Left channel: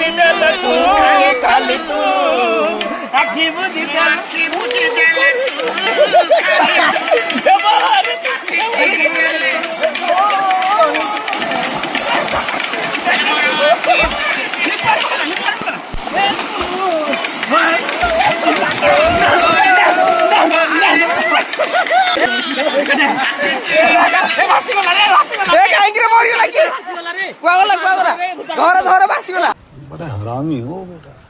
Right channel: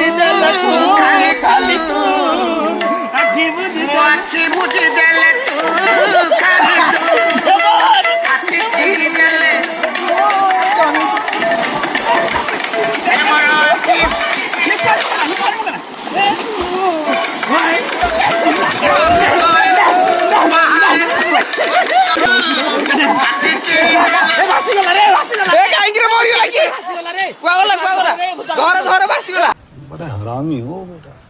বুঝি দেলে তু খালি তু আখি বুঝি দেলে बड़ा हरामी हो बेटा